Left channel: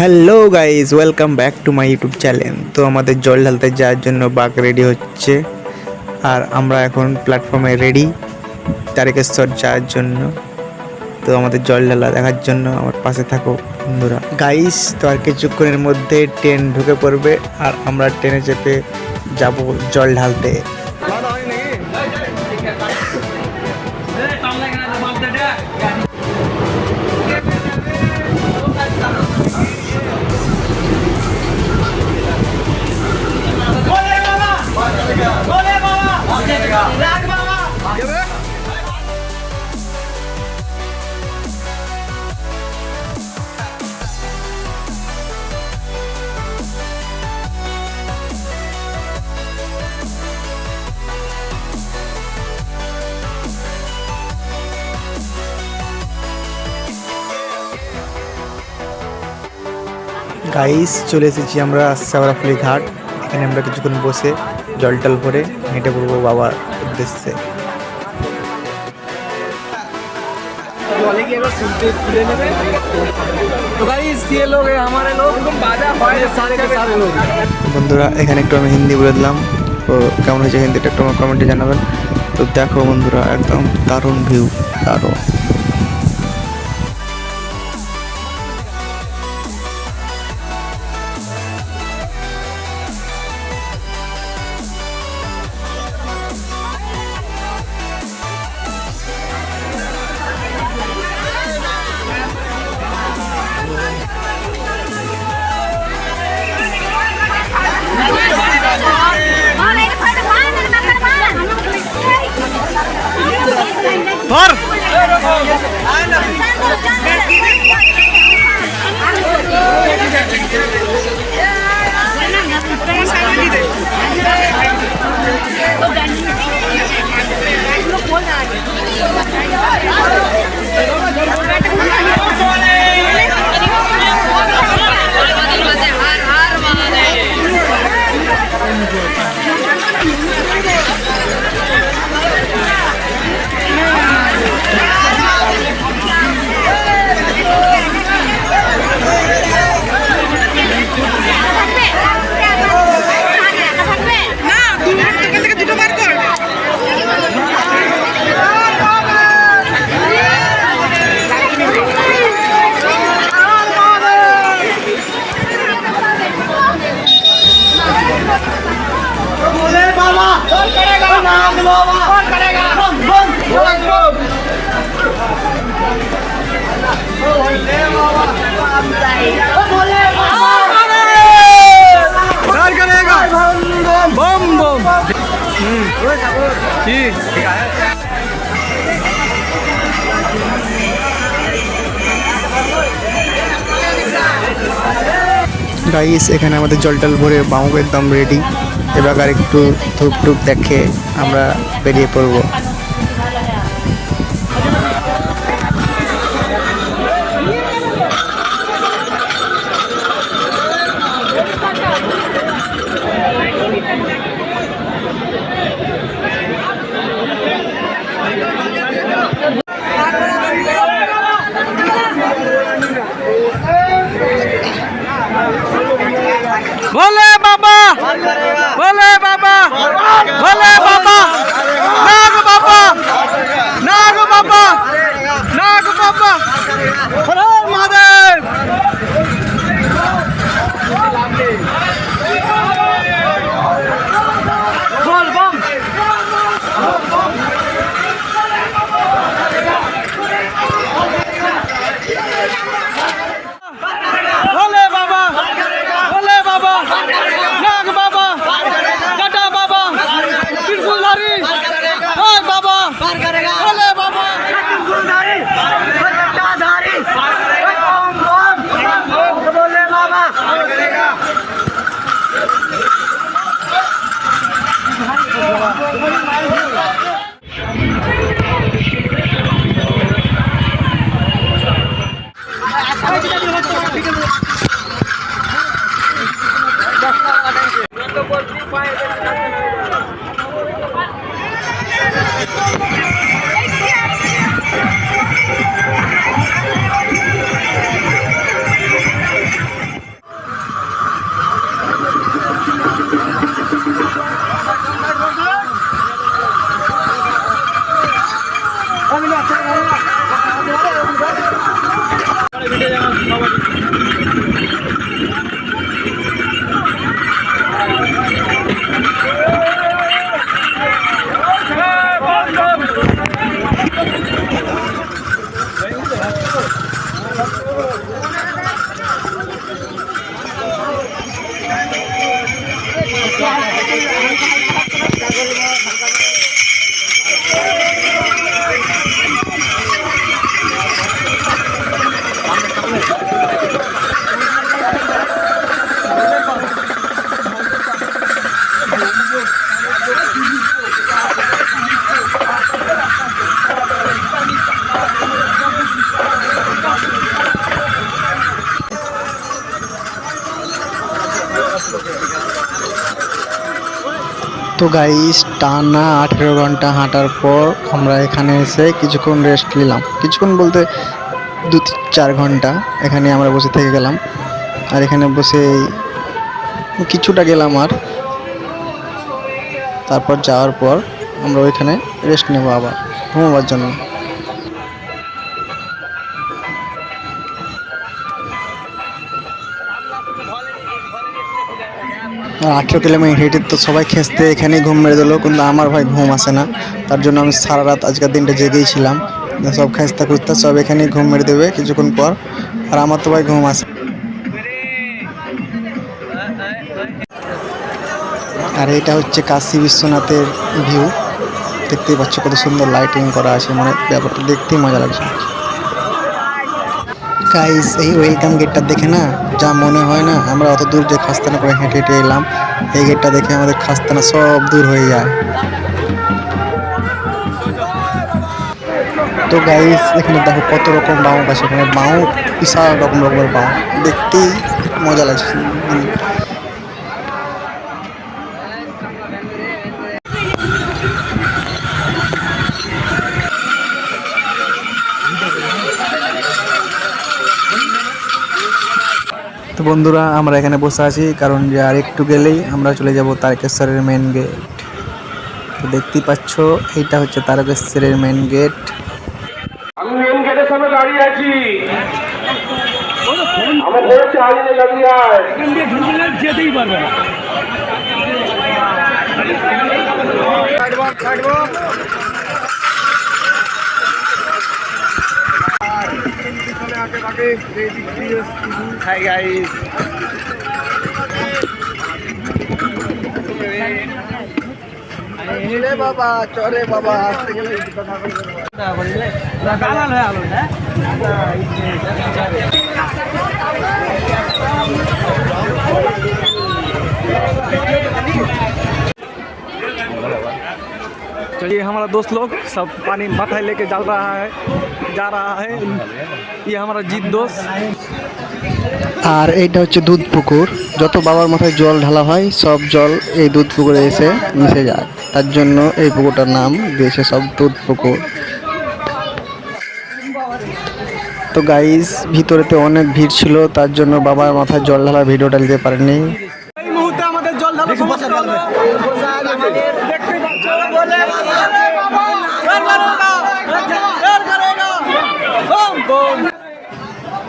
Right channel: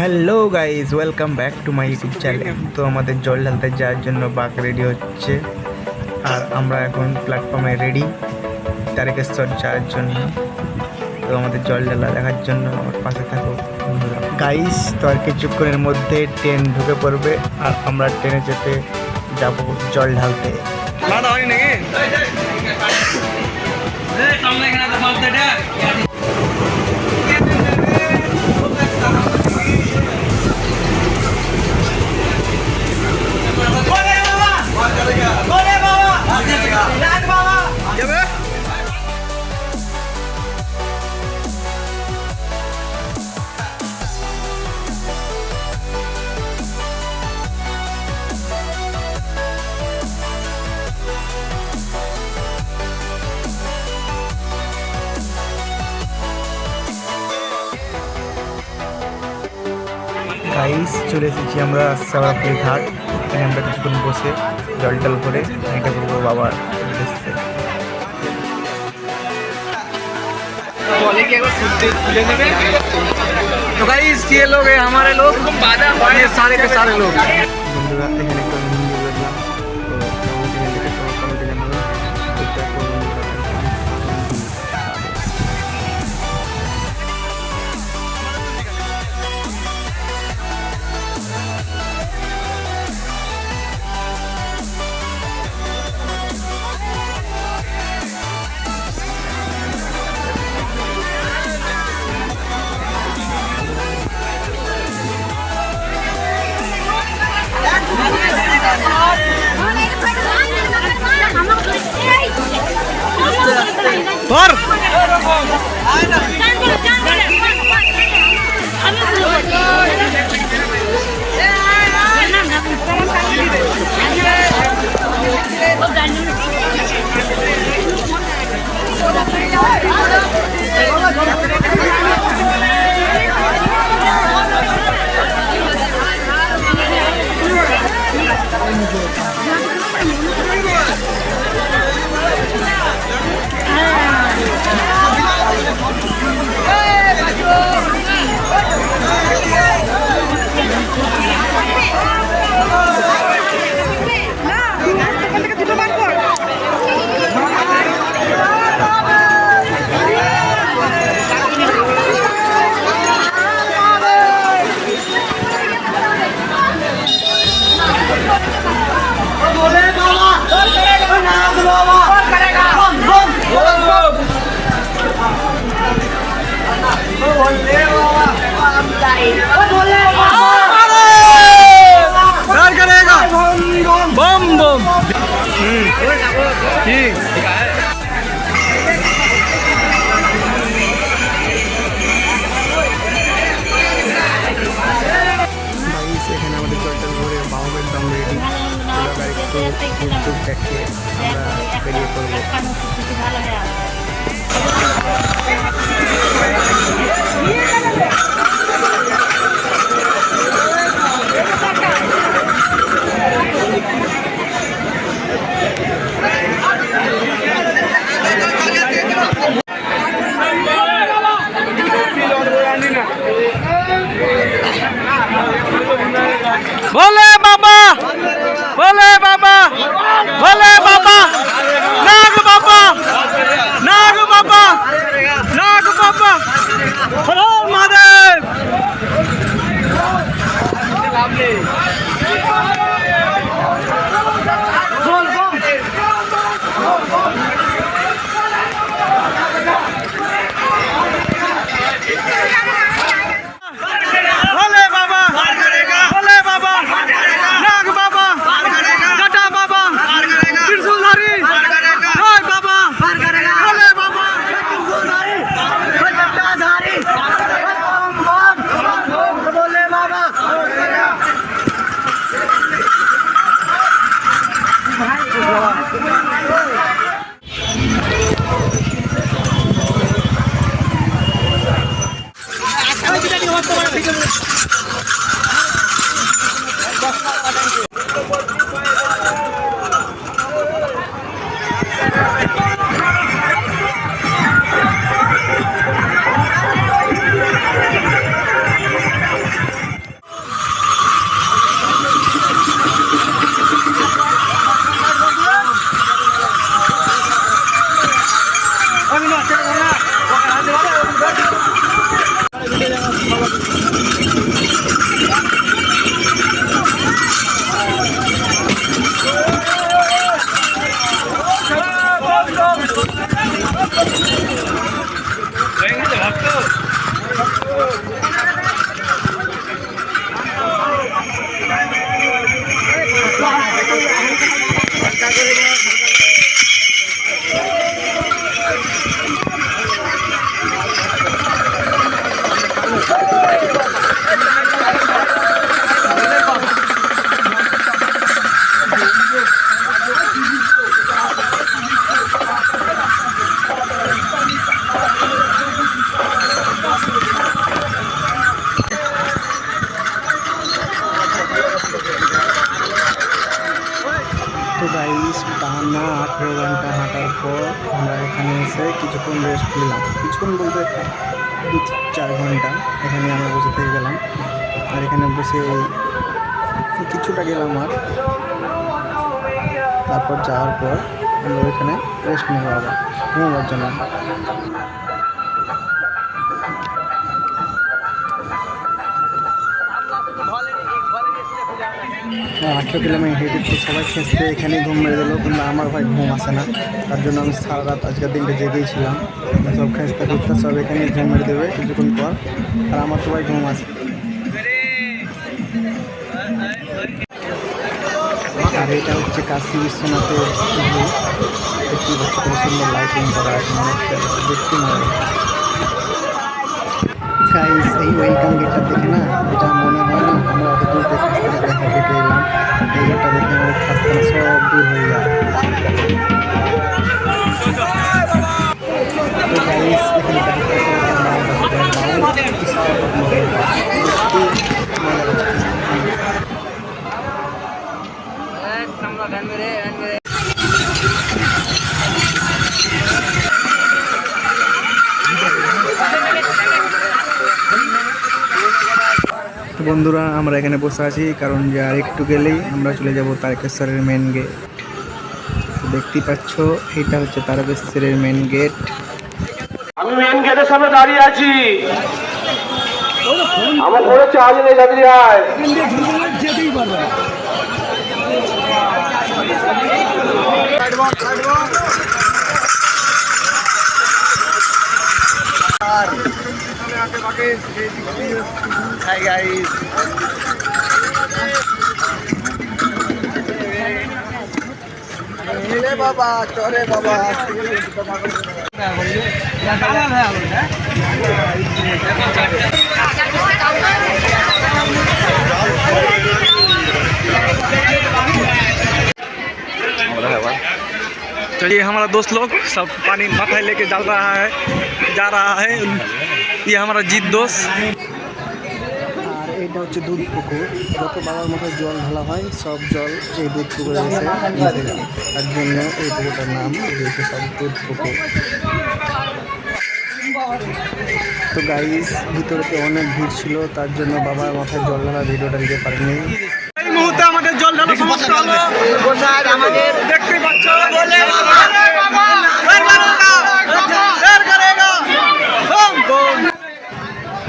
Hello guys, welcome back to my YouTube channel. তো আমাদের জল ঢালতে যাওয়ার জন্য বাঘ রেডি হচ্ছে, আর আমরা এখন প্ল্যাটফর্মে রেডি তারকেশ্বর যাওয়ার জন্য। তো আমাদের জল ঢালা দেখার জন্য আমার পাশে থাকো বন্ধুরা। গাইজ, তো আর কিছুক্ষণের মধ্যে ট্রেন ঢুকে পড়বে, আর আমরা ট্রেনে চেপে যাব জল ঢালতে। গাইস, চলে এসেছি আমরা শ্যাওড়াফুলি ঘাট। এখানে আমরা কিছুক্ষণ বসে জল টল করে হেঁটে পড়বো বাবার উদ্দেশ্যে। तो गाइस ये लोग हैं हमारे लोग, ये सारे के सारे लोग। বন্ধুরা, এখানে একটু আমি হিন্দি বলে দিলাম, তো কেমন হয়েছে হিন্দিটা একটু আমার কমেন্টে জানাবেন। তো দেখো বন্ধুরা, একদম দারুণ ভিউ, দারুণ। पर करेगा बम बम। ठीक গাইস, এখানে আমাদের জল টল ভরে বামুক একদম রেডি। এবার আর একটু ধূপ টুপ দেখে আমরা বেরিয়ে পড়বো। भोले बाबा, भोले बाबा, भोले बाबा, नाग बाबा, नाग बाबा, नाग बाबा, महादेव। भोले बाबा, भोले बाबा, नाग बाबा, जटा बाबा, তো গাইস টানা 18 ঘন্টা হাঁটার পর আমরা এখানে এসে কিছুক্ষণ রেস্ট নিলাম। কিছুক্ষণ বলতে 2-4 ঘন্টা এখানে আমরা বসে থেকে গেলাম। আর এখানে বসে কিছুটা গেলাম আর তারপর যাওয়ার পর আমরা ওইখানে রেস্ট নেব আবার ঘুমাবার জন্য। আর 18 কিলোমিটার হেঁটে তো সবাই খেসতে এখানেই ঘুম মেরে দিল, কিন্তু আমার ভাই ঘুম আসে না। তার জন্য আমি সারা রাত আজকের দিনটা জেগেই ছিলাম। সব খেসতে খুঁজতে সব এখানেই ঘুম মেরে দেবে কিছুক্ষণ পর, আর আমার তো ভাই ঘুম আসে। আর এটা হচ্ছে কাশী বিশ্বনাথের ভিউ। দেখতেই পাচ্ছ কত সুন্দর লাইটিং করা আছে, মানে ব্যাপারটা দেখতেই মজা লাগছে। গাইস এই ওয়েলকাম গেটটা দেখে না যা মনে হয় না আমরা অত দূর যে খাস্তানা করে হেঁটে হেঁটে এলাম, এই গেটটা দেখে আমাদের খাস্তানা সব দূর হয়ে যায়। তো গাইস এখানে দেখো কত রকম বাউ আছে, এখানে বাউ বিশাল রকমের বাউ, দেখতেই মজা লাগছে। তো বন্ধুরা আমরা এখানে বসে আছি, কারণ যে আর একটু গেলেই আমরা চলে যাব তারকেশ্বরের মেন গেট। তো দেখতেই পাচ্ছ এইটা হচ্ছে তারকেশ্বরের মেন গেট। আমি মেন গেটের সামনে দাঁড়িয়ে আছি। আমার বড় চার্জ নেই, দাঁড়িয়ে আয়। যেতেই পারবে না। হাই গাইস, বাবা চলে বাবা। तो ये हमारा दोस्त लोग सब पानी माथा लेके जा रहा है। ये हमारा जीत दोस्त। আর এইটা হচ্ছে দুধ পুকুর। যত বাবার মাথায় জল ঢালা হয় সব জল এই দুধ পুকুরে এসে মিশে যায়, তার জন্য এই পুকুরটার নাম দিয়েছে সব দুধ পুকুর। তো গাইস ভিতরেতে অনেক ভিড় ছিল, তার জন্য বাবার মাথায় জল ঢালা ভিডিওটা নিতে পারিনি। এই মুহূর্তে আমাদের জল ঢালা সমাপ্ত হলো। দেখতে পাচ্ছ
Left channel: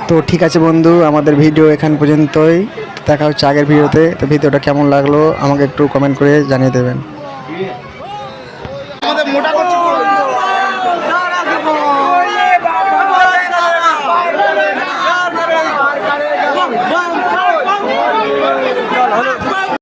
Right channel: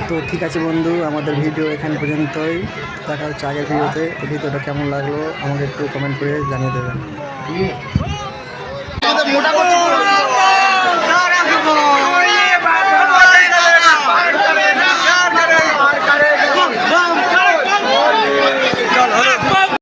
তো ঠিক আছে বন্ধু, আমাদের ভিডিও এখান পর্যন্তই। দেখা হচ্ছে আগের ভিডিওতে। তো ভিডিওটা কেমন লাগলো আমাকে একটু কমেন্ট করে জানিয়ে দেবেন।